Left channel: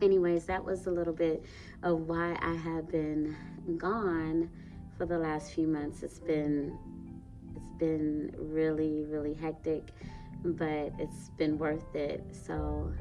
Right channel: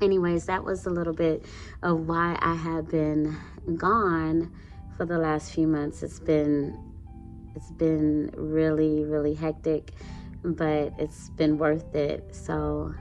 anyways, that was a little bit of why I have been gone for the last few months. It's been really, really hectic, but it's been worth it. So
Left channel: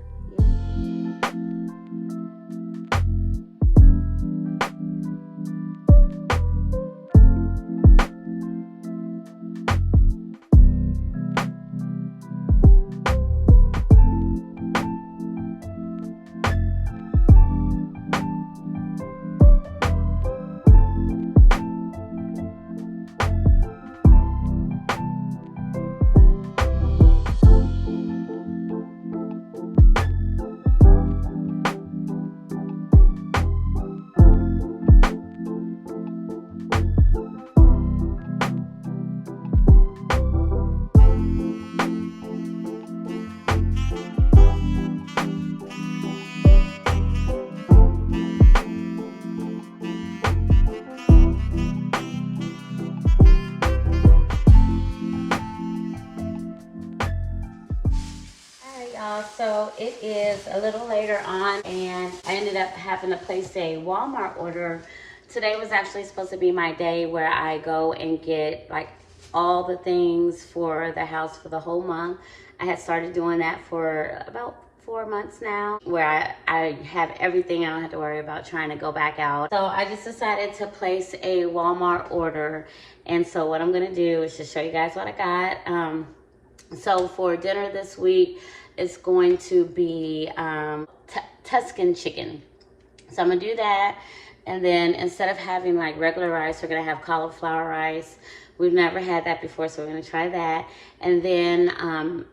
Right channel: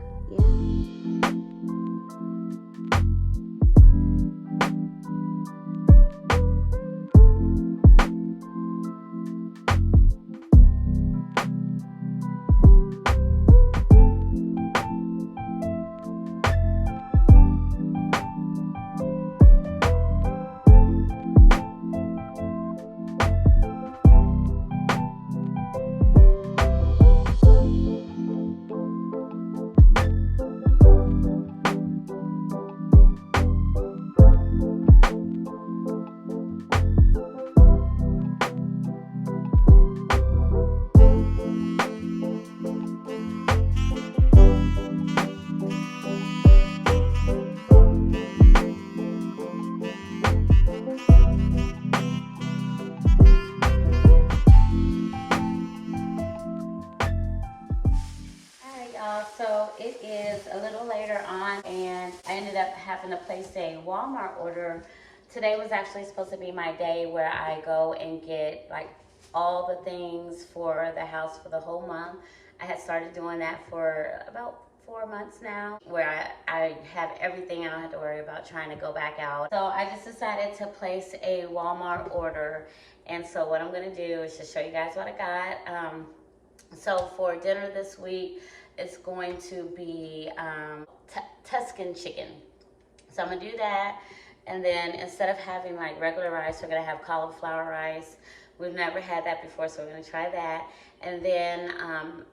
yeah. So it is a little later on, and I ended up having to place a Walmart order. Today was actually supposed to be my day where I go and get like all the things for the house for the whole month. I had started doing that for about 4 months now, where I have everything. I don't have to worry about trying to go back out. So I just decided to place a Walmart order. And so what I'm gonna do is just show you guys what I got. So for dinner this week, it's going to be Tuscan chicken. So I'm gonna do that, and then instead of having like regular rice, we're gonna have cauliflower rice. We've never had that before, so we're gonna try that. And then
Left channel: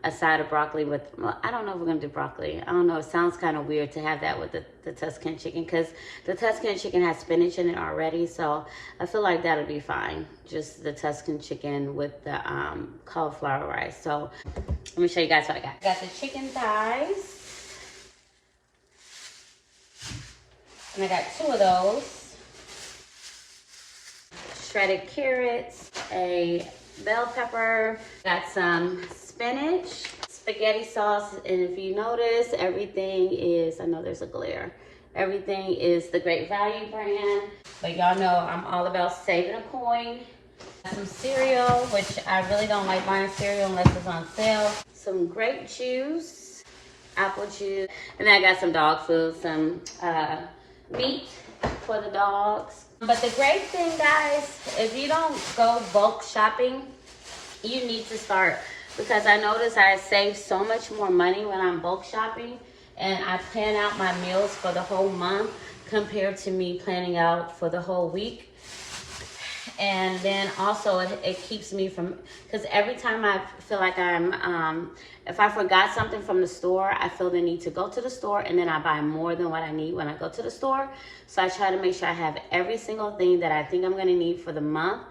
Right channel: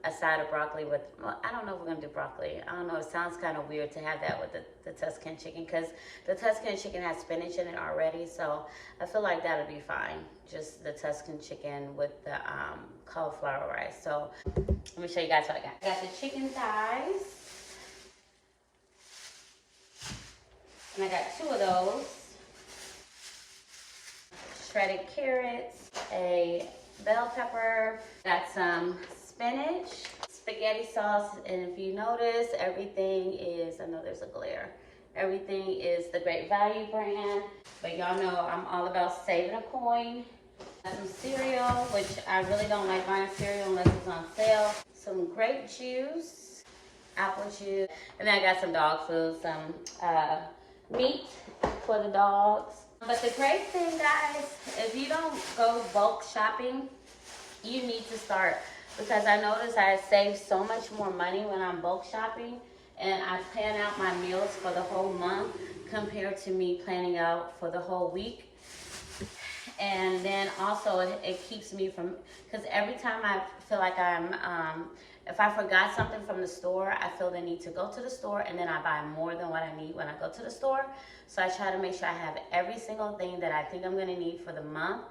a side of broccoli with, well, I don't know if we're gonna do broccoli. I don't know, it sounds kind of weird to have that with the Tuscan chicken, because the Tuscan chicken has spinach in it already, so I feel like that'll be fine. Just the Tuscan chicken with the cauliflower rice. So let me show you guys what I got. I got the chicken thighs, and I got 2 of those. Shredded carrots, a bell pepper, got some spinach, spaghetti sauce, and if you notice, everything is, I know there's a glare, everything is the Great Value brand, but y'all know I'm all about saving a coin. Some cereal, which I really don't like buying cereal unless it's on sale. Some grape juice, apple juice, and then I got some dog food, some meat for the dogs. But the great thing, guys, if you don't go bulk shopping, you need to start, because I notice I save so much more money when I'm bulk shopping and I plan out my meals for the whole month compared to me planning out for the whole week. And then also it keeps me from, because every time I feel like if I forgot something from the store, I feel the need to go to the store, and then I buy more than what I need when I go to the store. So I try to make sure I have every single thing that I think I'm gonna need for the month,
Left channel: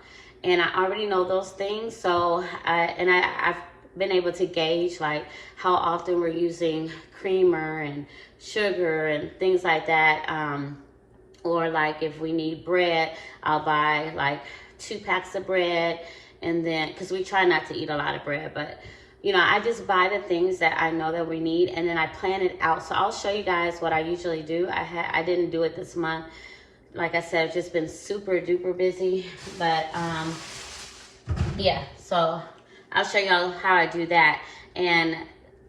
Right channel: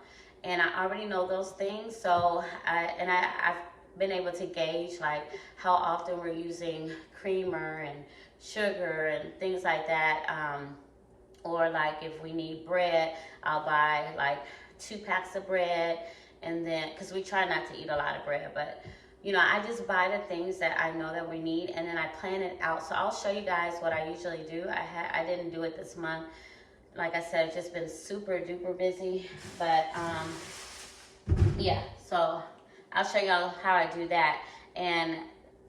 and I already know those things. So I've been able to gauge like how often we're using creamer and sugar and things like that. Or like if we need bread, I'll buy like 2 packs of bread, and then, because we try not to eat a lot of bread, but you know, I just buy the things that I know that we need, and then I plan it out. So I'll show you guys what I usually do. I didn't do it this month. Like I said, I've just been super duper busy, but yeah, so I'll show y'all how I do that. And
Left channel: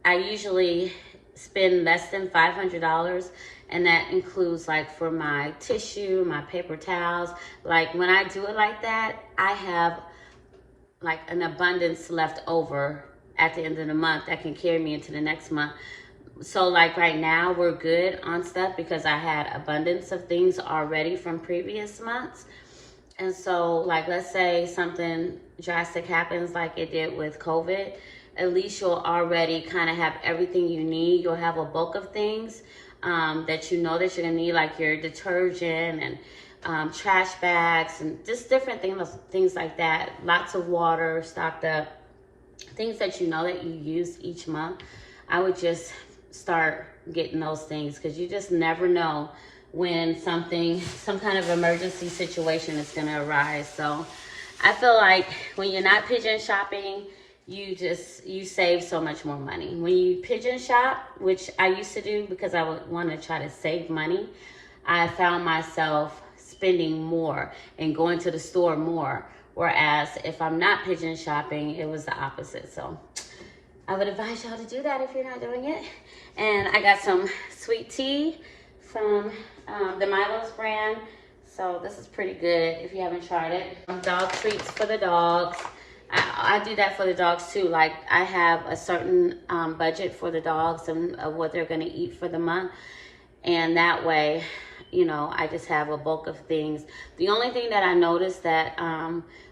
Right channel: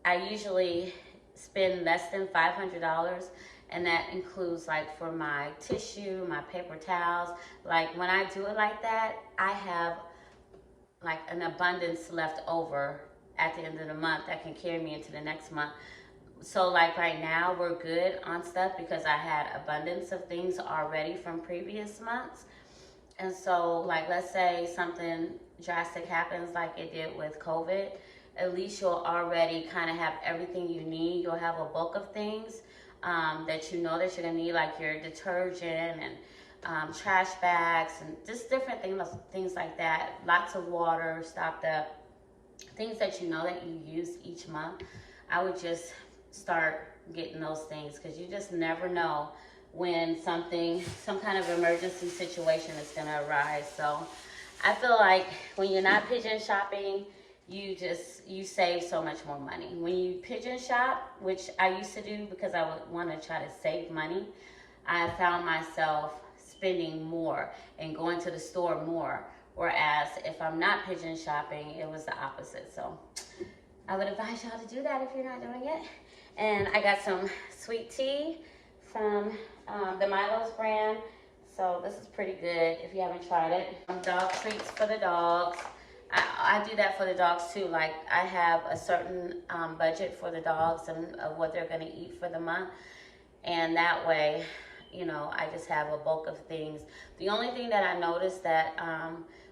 I usually spend less than $500, and that includes like for my tissue, my paper towels. Like when I do it like that, I have like an abundance left over at the end of the month that can carry me into the next month. So like right now we're good on stuff because I had abundance of things already from previous months. And so like, let's say something drastic happens like it did with COVID, at least you'll already kind of have everything you need. You'll have a bulk of things that you know that you're gonna need, like your detergent and trash bags and just different things like that. Lots of water stocked up, things that you know that you use each month. I would just start getting those things, because you just never know when some kind of emergency situation is gonna arise. So I feel like when you're not pigeon shopping you save so much more money. When you pigeon shop, which I used to do because I would want to try to save money, I found myself spending more and going to the store more. Whereas if I'm not pigeon shopping, it was the opposite. So I would advise y'all to do that if you're not doing it. And I got some sweet tea from the Milo's brand. So this is pretty good if you haven't tried it. Dog treats for the dogs. I do that for the dogs too. Like I have a certain budget for the dogs and what they're gonna eat for the month. And that way, you know, I just have a bulk of things. The only thing that I noticed that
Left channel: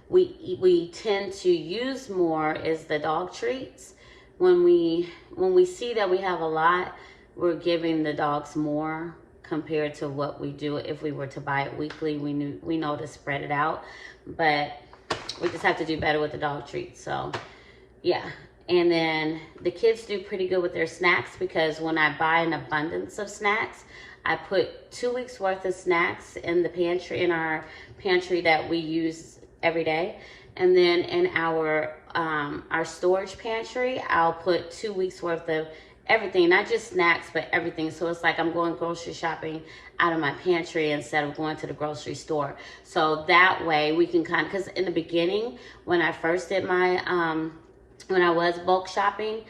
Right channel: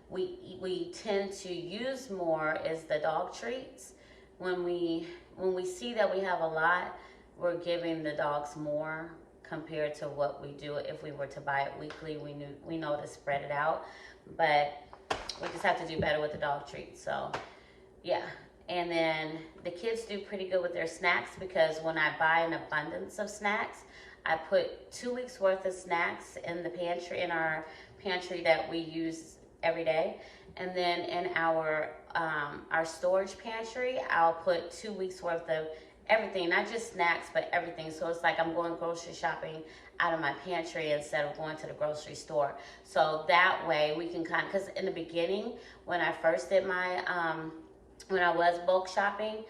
we tend to use more is the dog treats. When we see that we have a lot, we're giving the dogs more compared to what we do if we were to buy it weekly. We know to spread it out, but we just have to do better with the dog treats. So yeah. And then the kids do pretty good with their snacks, because when I buy an abundance of snacks, I put 2 weeks worth of snacks in the pantry, in our pantry that we use every day. And then in our storage pantry, I'll put 2 weeks worth of everything, not just snacks, but everything. So it's like I'm going grocery shopping out of my pantry instead of going to the grocery store. So that way we can kind of, because in the beginning, when I first did my, when I was bulk shopping,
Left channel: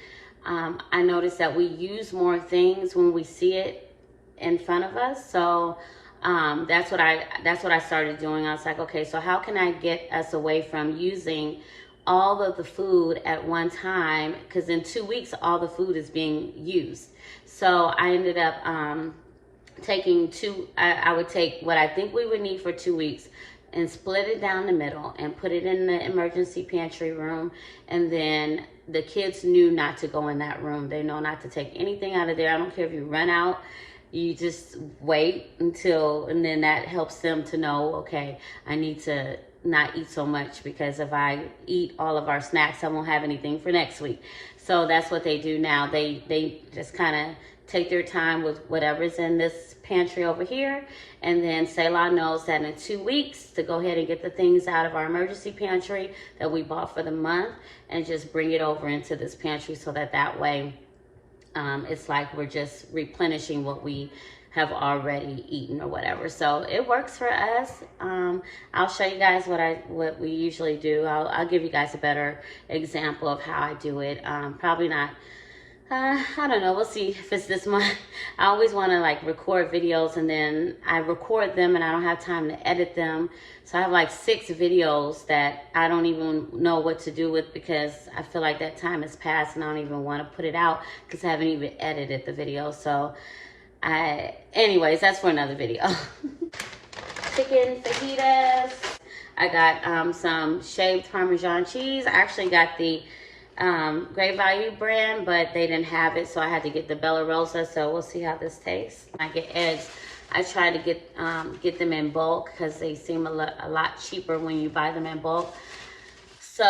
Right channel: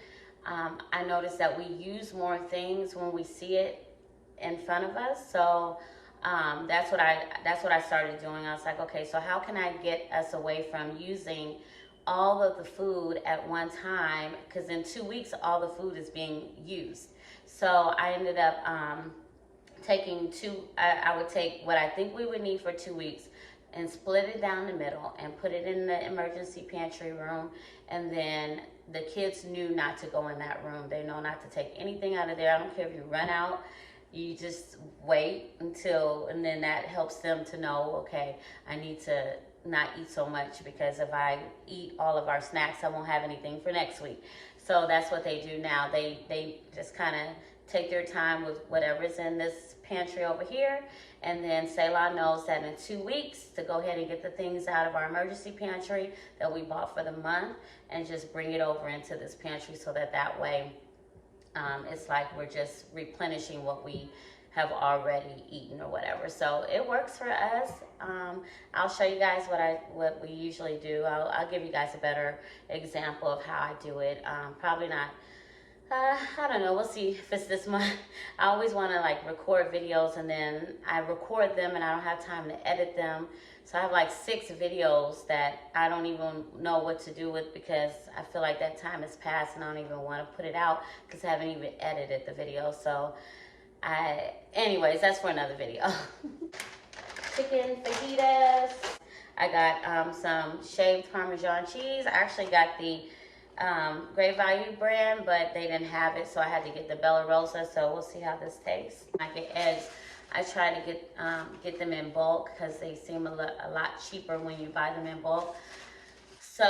I noticed that we use more things when we see it in front of us. So that's what I started doing. I was like, okay, so how can I get us away from using all of the food at one time? Because in 2 weeks, all the food is being used. So I ended up taking I would take what I think we would need for 2 weeks and split it down the middle and put it in the emergency pantry room. And then the kids knew not to go in that room. They know not to take anything out of there. I don't care if you run out. You just wait until, and then that helps them to know, okay, I need to not eat so much, because if I eat all of our snacks, I won't have anything for next week. So that's what they do now. They just kind of take their time with whatever's in this pantry over here. And then Selah knows that in 2 weeks to go ahead and get the things out of our emergency pantry that we bought for the month and just bring it over into this pantry, so that way it's like we're just replenishing what we have already eaten or whatever. So it works for us. I'll show you guys what we usually do. I'll give you guys a better example of how I do it. Probably not. I don't know. We'll see if it's this month. I always want to like record videos, and then I record them and I don't have time to edit them. So I have like 6 videos that I don't even know what to do with, because I feel like that time has passed and I don't even want to put it out because I haven't even edited the video. So anyways, that's for another video. Chicken fajitas. I got some shaved Parmesan cheese. I actually got the Great Value brand, but they didn't have it, so I had to get the Bella Rosa. So we'll see how this tastes. I get eggs. I try to get them in bulk because they seem a lot cheaper when you buy them in bulk. So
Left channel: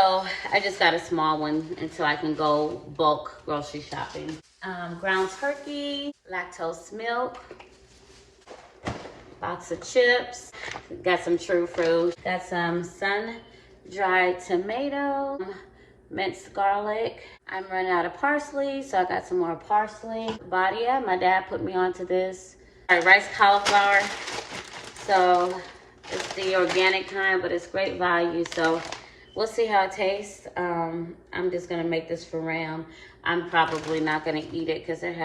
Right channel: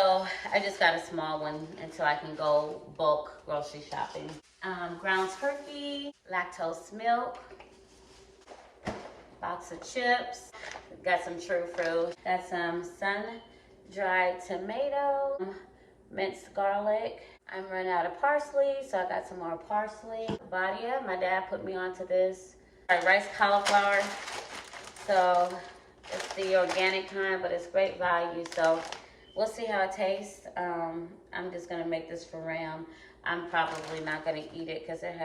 I just got a small one until I can go bulk grocery shopping. Ground turkey, lactose milk, box of chips, got some true fruit, got some sun-dried tomato, minced garlic. I'm running out of parsley, so I got some more parsley. Badia, my dad put me onto this. Rice cauliflower, so it's the organic kind, but it's great value, so we'll see how it tastes. I'm just gonna make this for Ram. I'm probably not gonna eat it because it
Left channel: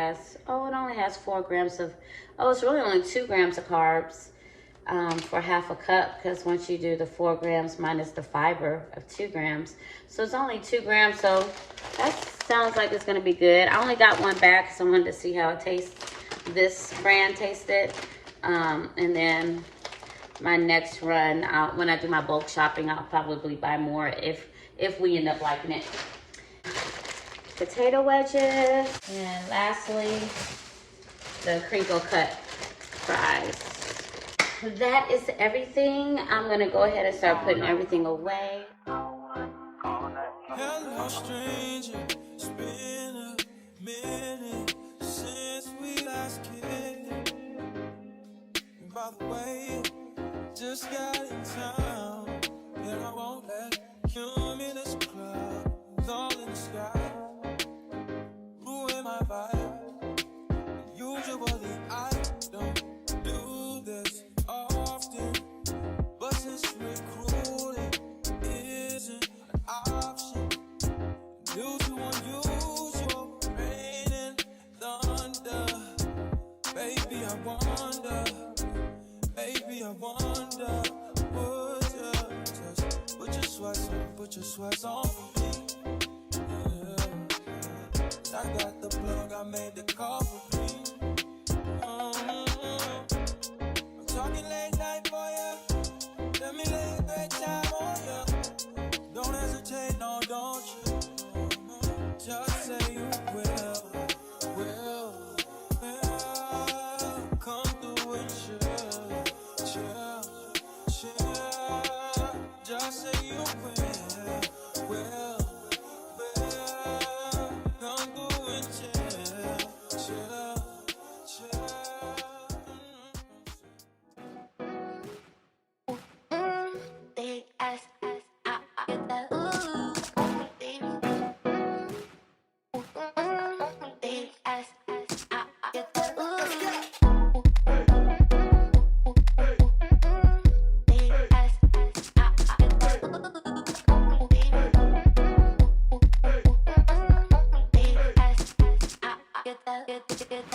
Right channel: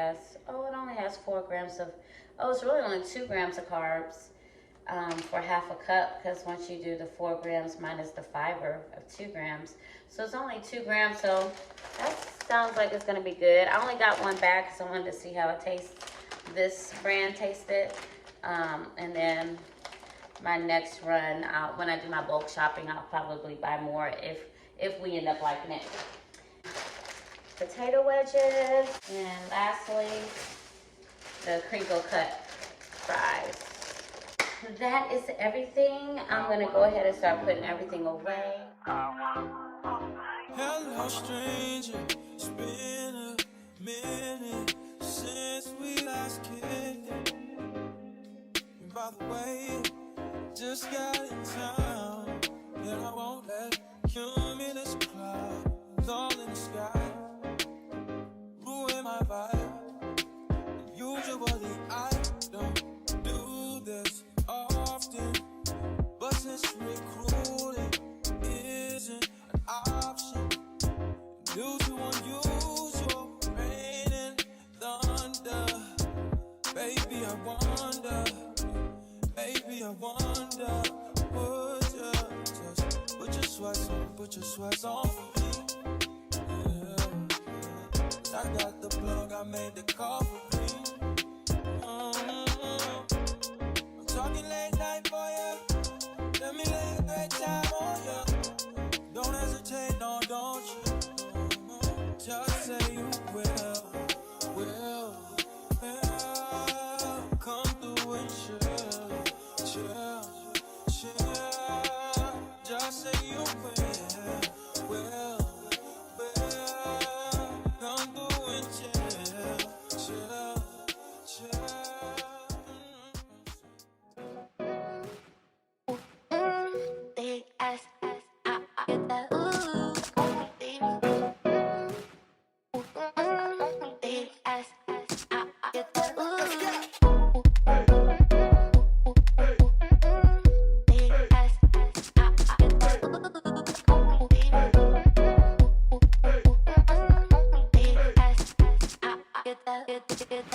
only has 4 grams of, it's really only 2 grams of carbs for half a cup, because once you do the 4 grams minus the fiber of 2 grams, so it's only 2 grams, so that sounds like it's gonna be good. I only got one back because I wanted to see how it tastes. This brand tasted, and then my next run, when I do my bulk shopping, I'll probably buy more if we end up liking it. Potato wedges, and lastly, the crinkle cut fries. That is everything. I'm gonna go ahead and start putting everything away. Hello, stranger. It's been a minute since we last kicked it. And by the way, just got in town, and I won't let cumulus clouds all in Maybe I wonder, would you just put your sweats on for me? Yeah. I got the plug, I made the call for me. I'm talking late night for ya. Let me lay a great time on ya. Don't hesitate, no, don't you? Just say you will. Come through and chill. Just say you will. Come through and chill. Big ass, I get that ooh, baby. Big ass, I get that ooh. Big ass, I get that ooh, baby. Big ass, I get that, get that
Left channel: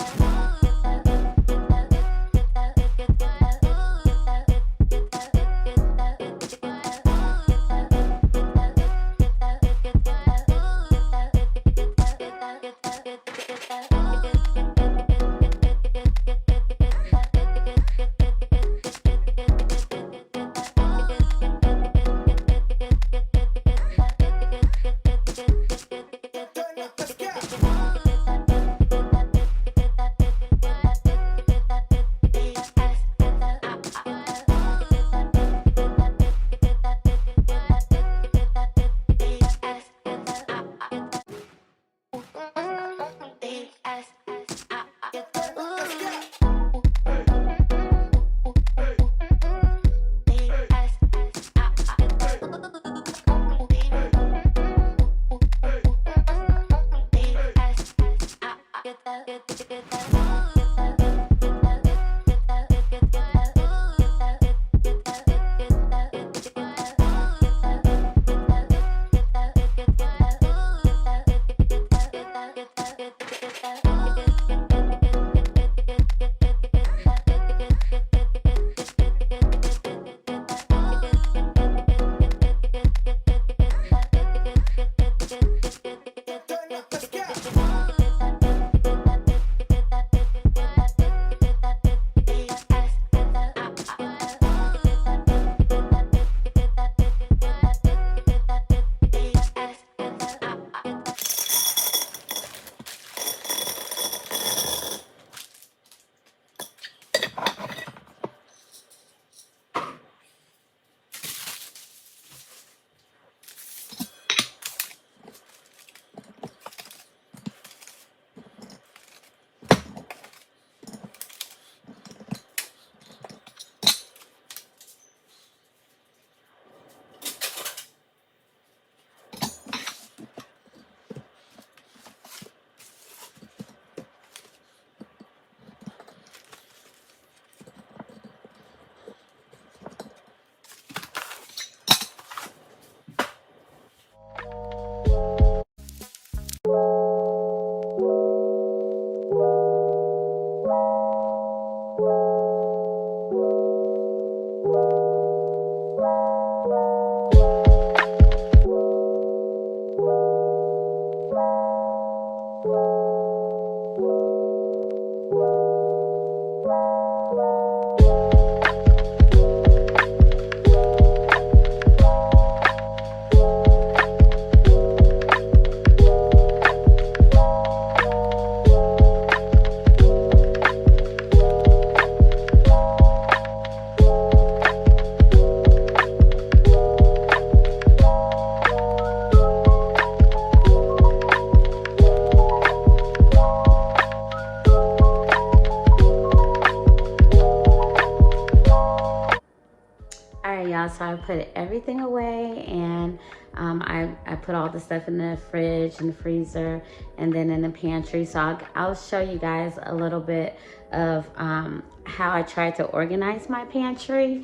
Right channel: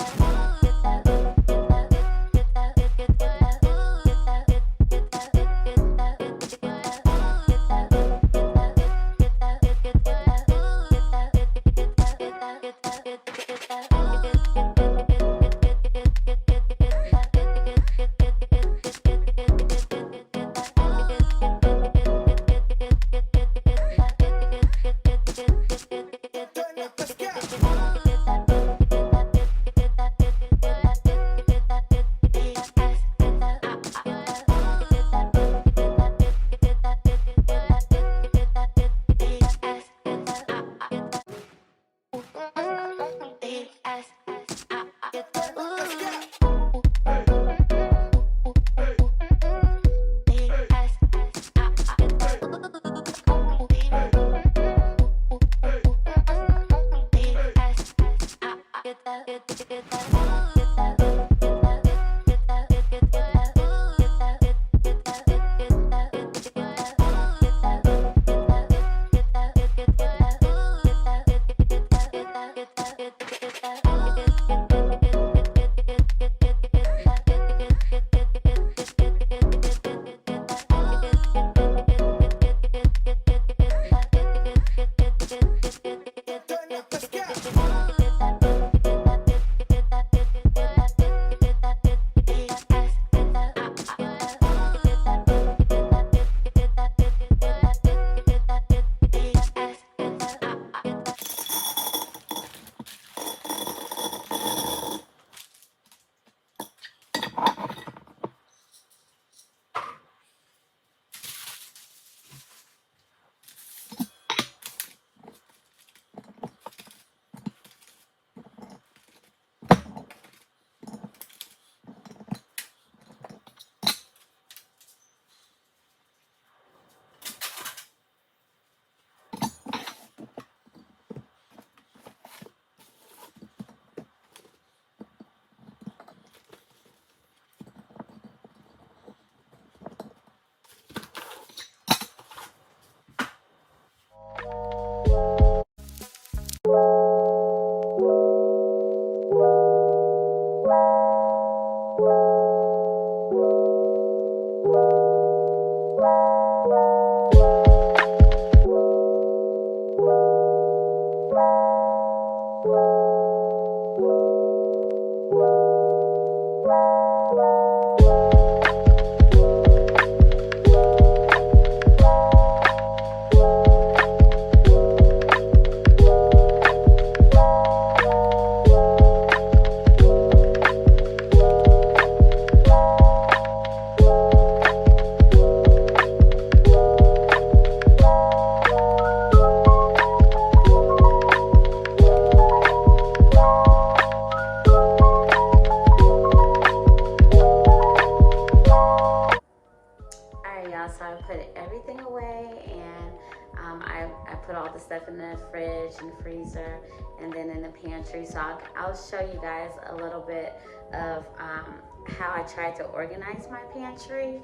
So I put everything away, and I put all the stuff in the fridge and the freezer and then in the pantry. So I'll show you guys a little bit of how I tried to organize my pantry.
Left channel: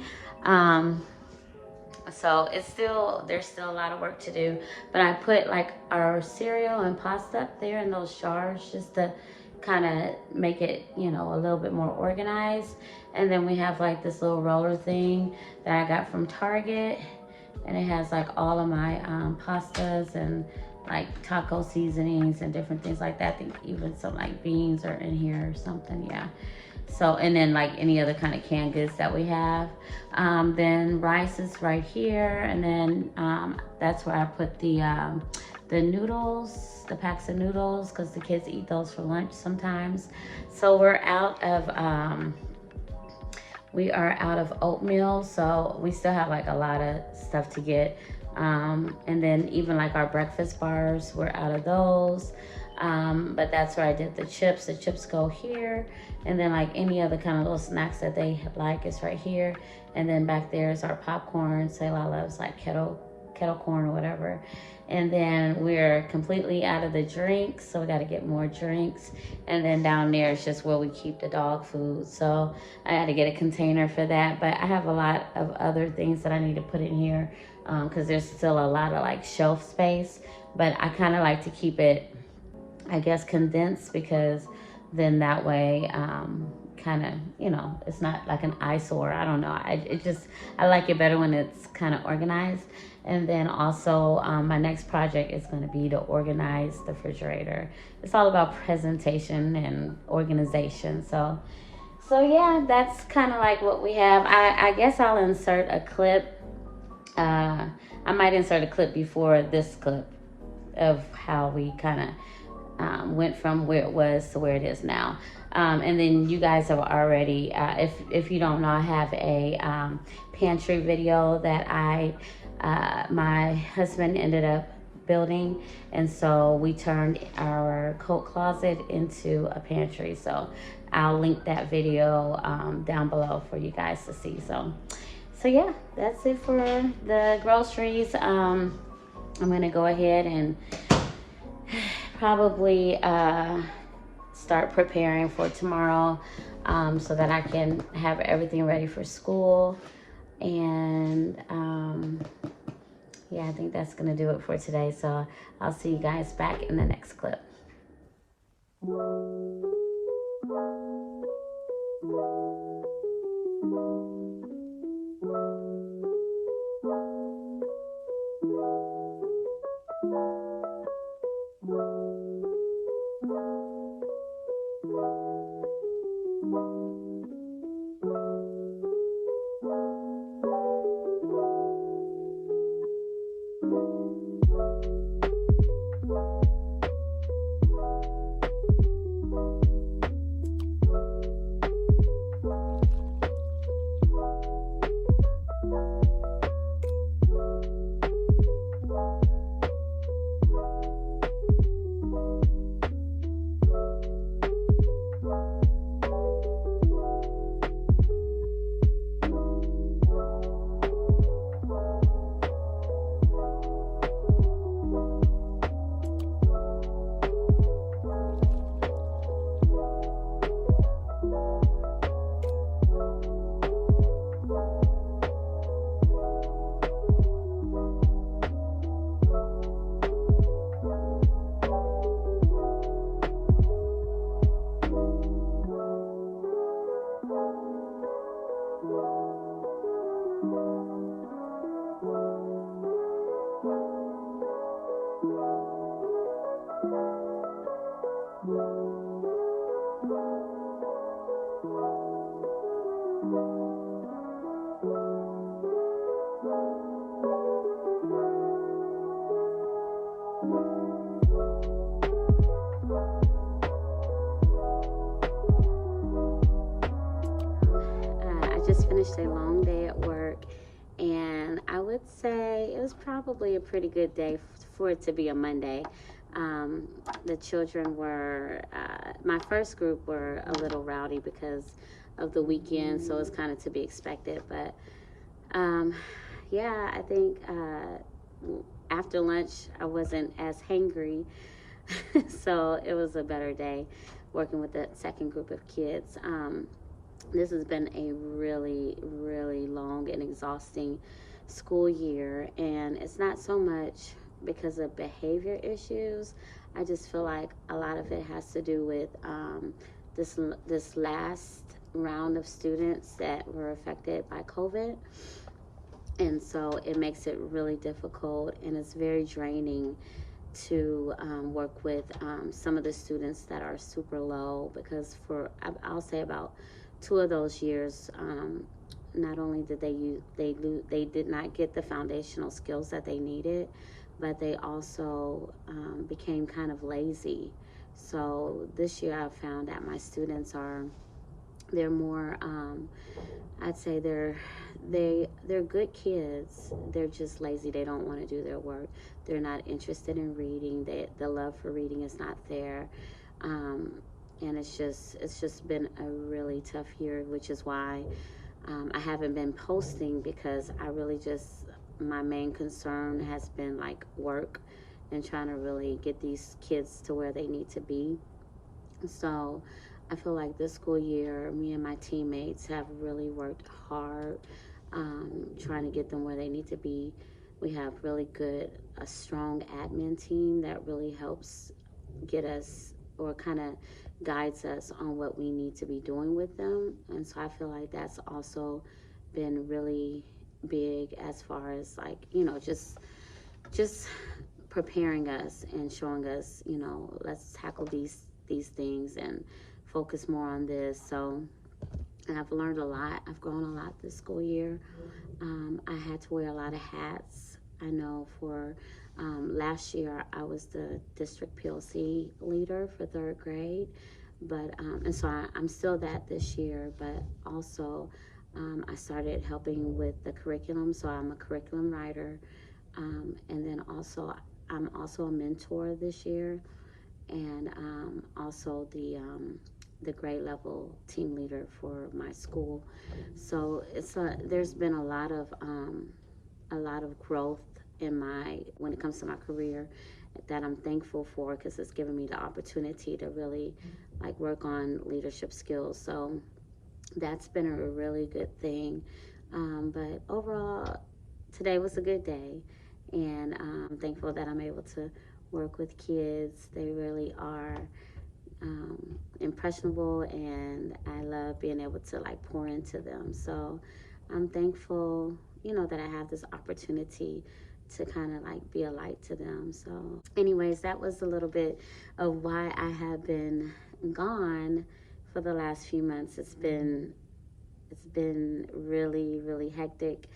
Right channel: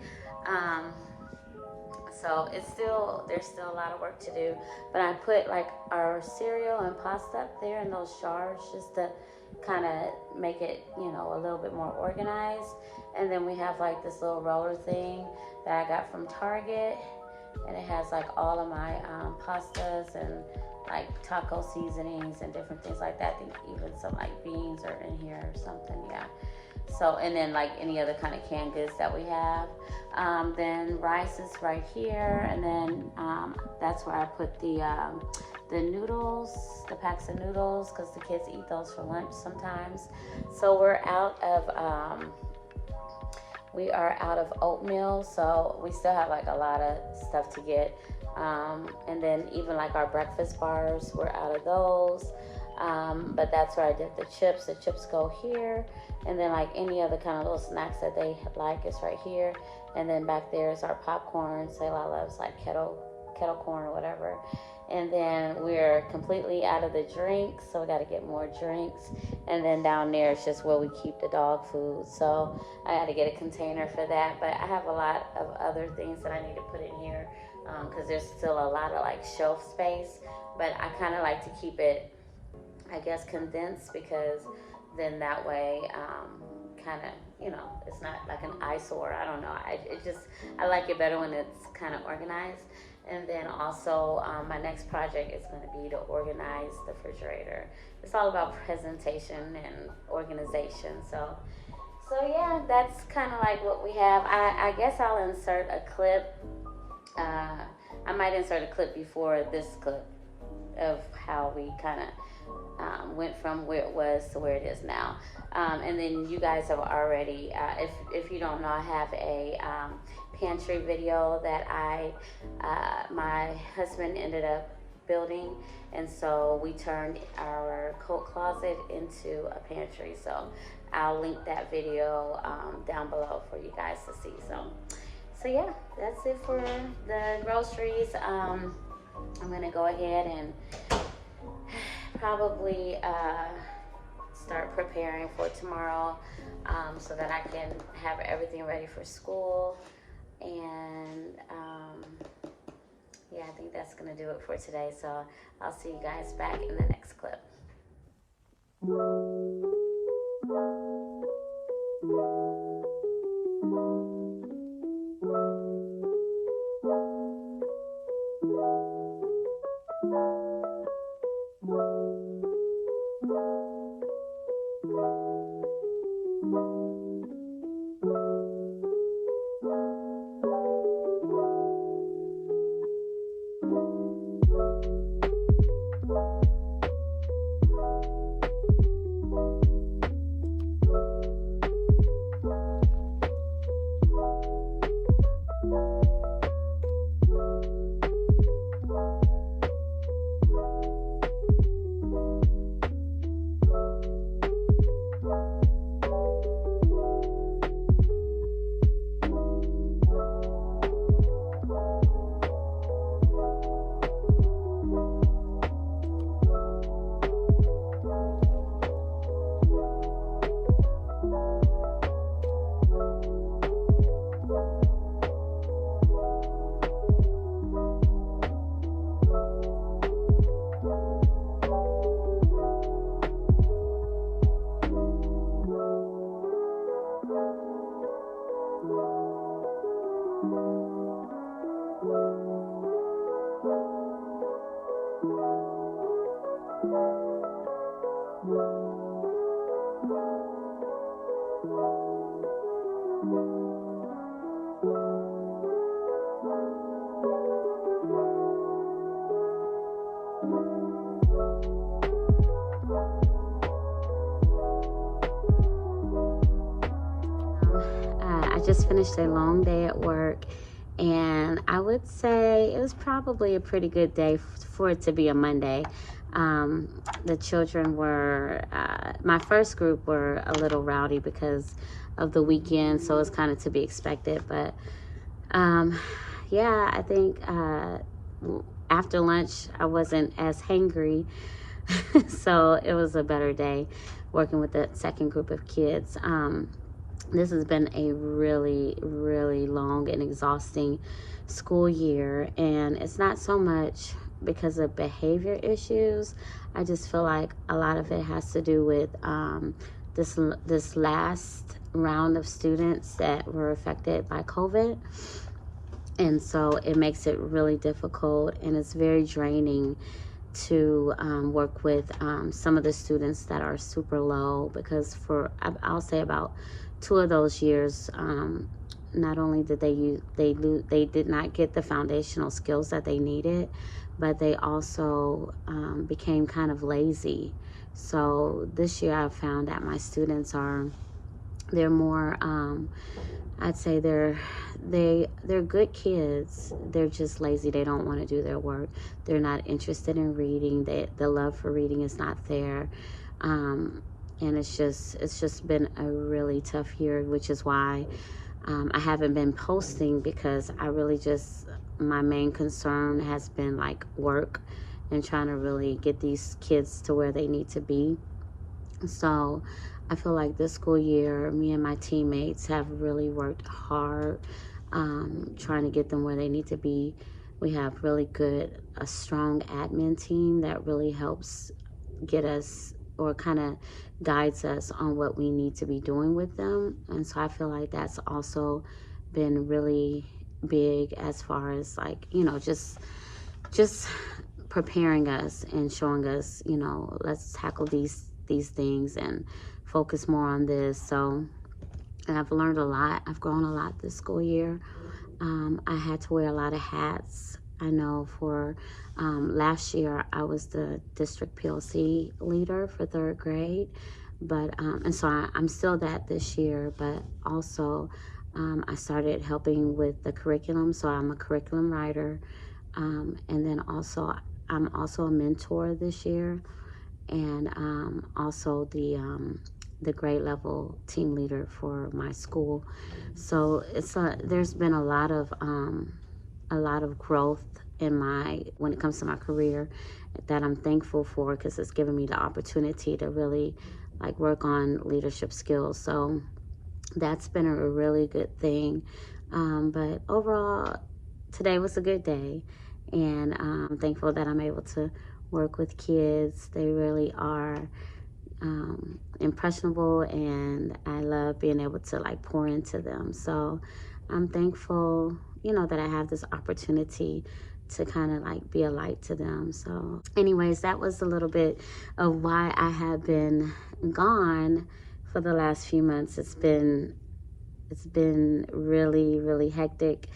So there's still a lot of work to do, but I put like our cereal and pasta up there in those jars just to kind of make it, you know, a little bit more organized. And then we have like this little roller thing that I got from Target, and it has like all of my pastas and like taco seasonings and different things like that. I think even some like beans are in here or something. Yeah. So, and then like any other kind of canned goods that we have. Then rice is right here, and then that's where I put the noodles, the packs of noodles, because the kids eat those for lunch sometimes. So we are out of oatmeal, so we still have like a lot of stuff to get. And then even like our breakfast bars, we're out of those. But that's where I did the chips. The chips go here. And then like any other kind of little snacks that they like is right here. And then back there is our popcorn. Sayla loves like kettle corn or whatever. And then we're completely out of the drinks, so we got to get more drinks. And then down there is just where we keep the dog food, so I got to get a container for that. But I have a lot of other things that I need to put in here, because there's still a lot of like shelf space. But I kind of like to keep it, I guess, condensed, because then that way kind of, you know, it's not like an eyesore. I don't know, I like it better when it's kind of organized. And then also my next project is going to be to organize the refrigerator. It's all about presentation and organization. So yeah, that's kind of like what we have. I guess I'll insert a clip. I might insert a clip before this clip of how we kind of went from where it was to where it is now. And then you guys have already, if you don't know, I have a pantry video that my husband ended up building, and so we turned our coat closet into a pantry. So I'll link that video down below for you guys to see. So yeah, that's it for the groceries. I'm gonna go ahead and probably start preparing for tomorrow, so that I can have everything ready for school. And yeah, I think that's gonna do it for today. So I'll see you guys back in the next clip. I just finished a long day at work, and I would say it was probably a pretty good day for it to be a Monday. The children were, my first group were a little rowdy because of the weekend, so it's kind of to be expected. But yeah, I think after lunch I wasn't as hangry, so it was a better day working with the second group of kids. This has been a really, really long and exhausting school year, and it's not so much because of behavior issues. I just feel like a lot of it has to do with this last round of students that were affected by COVID. And so it makes it really difficult, and it's very draining to work with some of the students that are super low, because I'll say about 2 of those years, not only did they did not get the foundational skills that they needed, but they also became kind of lazy. So this year I've found that my students they're more I'd say they're good kids. They're just lazy. They don't want to do their work. They're not interested in reading. The love for reading is not there. And it's just been a really tough year, which is why I haven't been posting, because I really my main concern has been like work and trying to really get these kids to where they need to be. So I feel like this school year, me and my teammates have really worked hard trying to get them where they need to be. We have a strong admin team that really helps get us, or kind of guides us on what we need to be doing with them. And so I feel like that's also been really big, as far as like, just preparing us and showing us, let's tackle these things and focus more on this. So, and I've learned a lot. I've grown a lot this school year. I had to wear a lot of hats. I know for last year I was the district PLC leader for 3rd grade, but and so I'm still that this year, but also I started helping with the curriculum. So I'm a curriculum writer, and then also I'm also a mentor this year, and also the grade level team leader for my school. So there's been a lot of growth when it comes to my career, that I'm thankful for, because it's given me the opportunity to really like work on leadership skills. So that's been a really good thing. But overall, today was a good day, and I'm thankful that I'm able to work with kids. They really are impressionable, and I love being able to like pour into them. So I'm thankful, that I have this opportunity to kind of like be a light to them. So anyways, that was a little bit of why I have been gone for the last few months. It's been really, really hectic,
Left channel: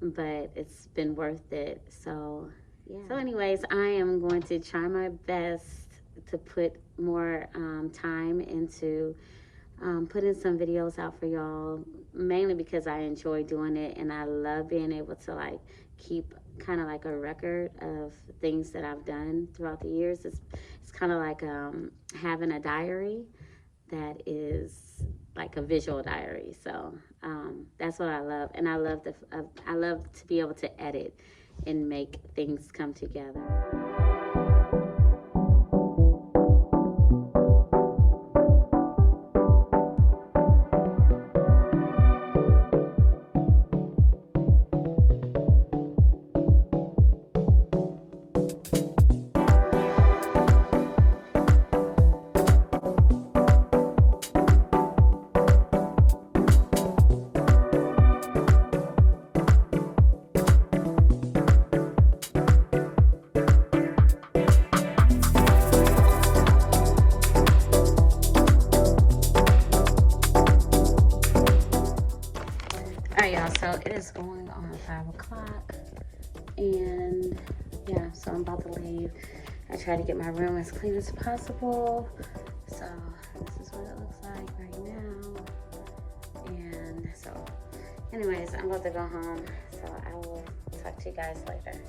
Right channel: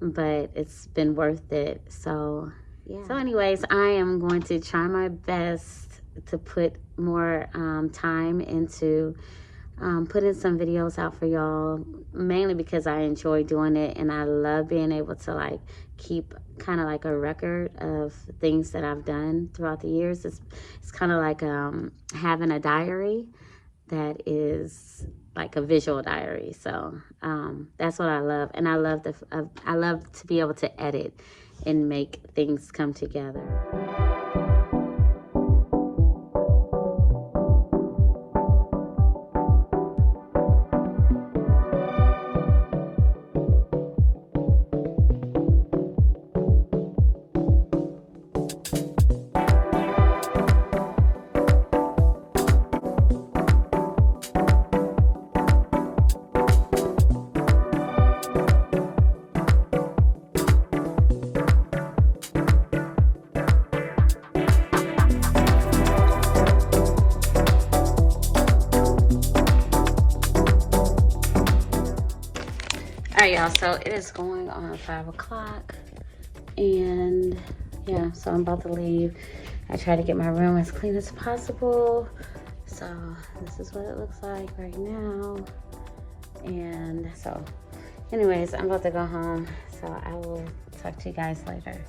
but it's been worth it. So yeah. So anyways, I am going to try my best to put more time into putting some videos out for y'all, mainly because I enjoy doing it, and I love being able to like keep kind of like a record of things that I've done throughout the years. It's kind of like having a diary that is like a visual diary. So that's what I love, and I love to be able to edit and make things come together. Alright, y'all, so it is going on 5 o'clock, and yeah, so I'm about to leave. I try to get my room as clean as possible. So this is what it looks like right now. And so anyways, I'm about to go home, so I will talk to you guys later.